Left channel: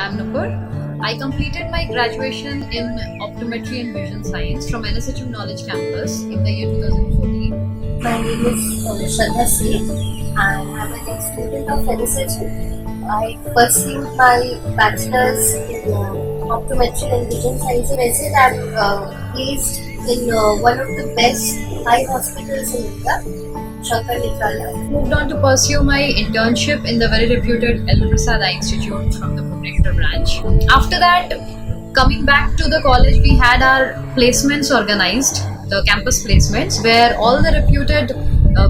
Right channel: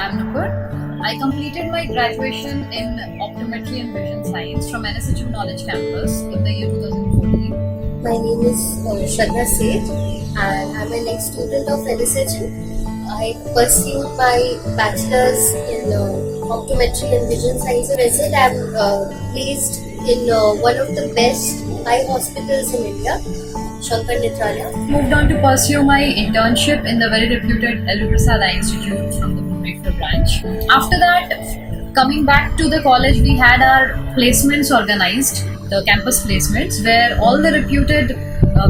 I'm Nupur. I completed my graduation in Optometry and Vision Science from NSHM Knowledge Campus in the year 2014. My name is Shraddha Seth and I'm an ex-student of NSHM. I pursued my bachelor's in Optometry and Vision Science. Present, I'm placed in one of the best eye hospitals in India, Shankar Netralaya. Moved on to pursue my internship in the very reputed Alumni Eye Institute from the Bhubaneswar branch. After that, coming back to the college, we had our placements organized, the campus placements, where all the reputed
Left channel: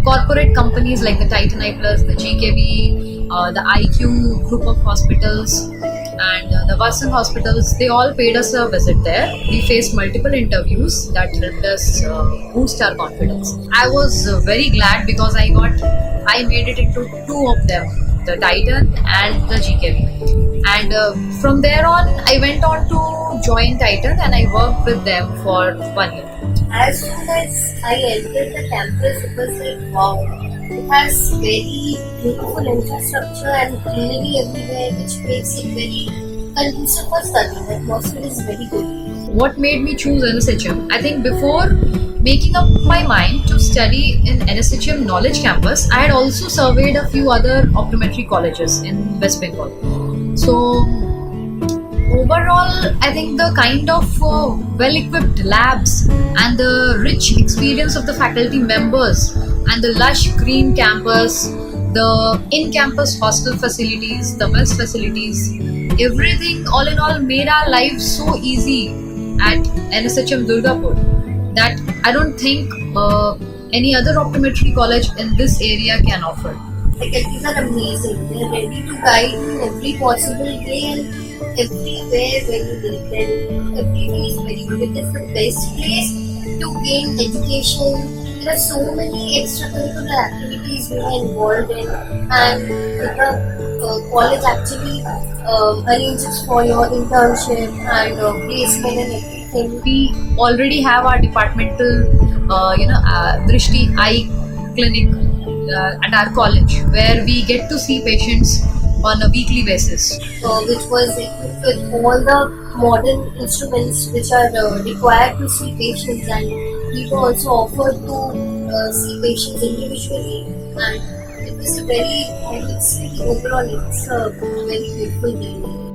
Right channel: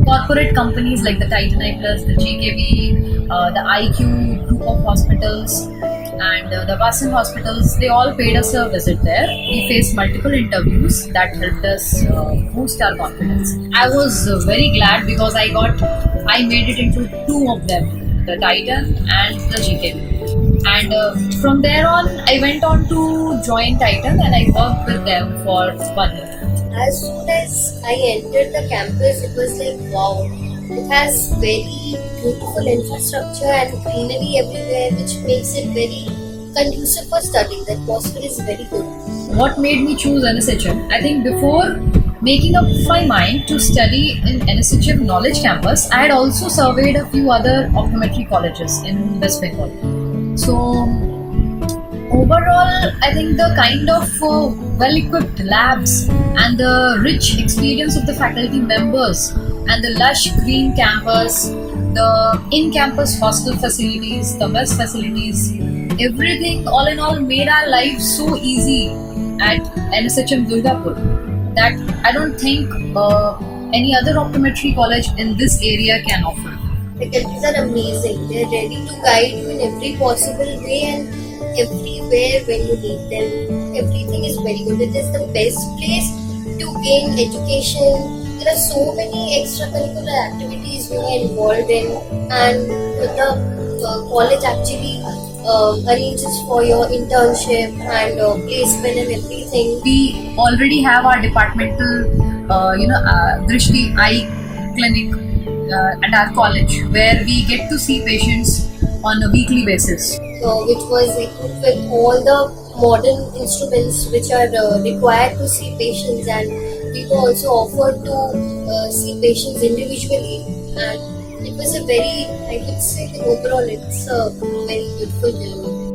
corporate companies like the Titan Eye Plus, the GKB, the IQ group of hospitals, and the Vasan hospitals, they all paid us a visit there. We faced multiple interviews that helped us boost our confidence. I was very glad because I made it into two of them, the Titan and the GKB. And from there on, I went on to join Titan and I worked with them for 1 year. As soon as I entered the campus, it was like, wow, it has very beautiful infrastructure and greenery everywhere, which makes it very conducive for studying. The atmosphere is very good. What made me choose NSHM? I think before making up my mind to study in NSHM Knowledge Campus, I had also surveyed a few other optometry colleges in West Bengal. So overall, I think the kind of well-equipped labs and the rich experience of the faculty members and the lush green campus, the in-campus hostel facilities, the mess facilities, everything all in all made our lives so easy at NSHM Durgapur that I don't think any other optometry college in this area can offer. Faculties are amazing. They're ready to guide you in every possible way and everywhere when you need them. Everything is very good. It is the best place to gain education. There are so many extracurricular activities you are involved in, and the college actually arranges for your internship and placement and everything. We already have our departmental, Drishti Eye Clinic at our college, where we get to see patients on a weekly basis. Which was equipped with all the modern instruments which are required to see patients, and we were also offered to see patients individually, and it was a very, I would say, overall it's a very beautiful journey.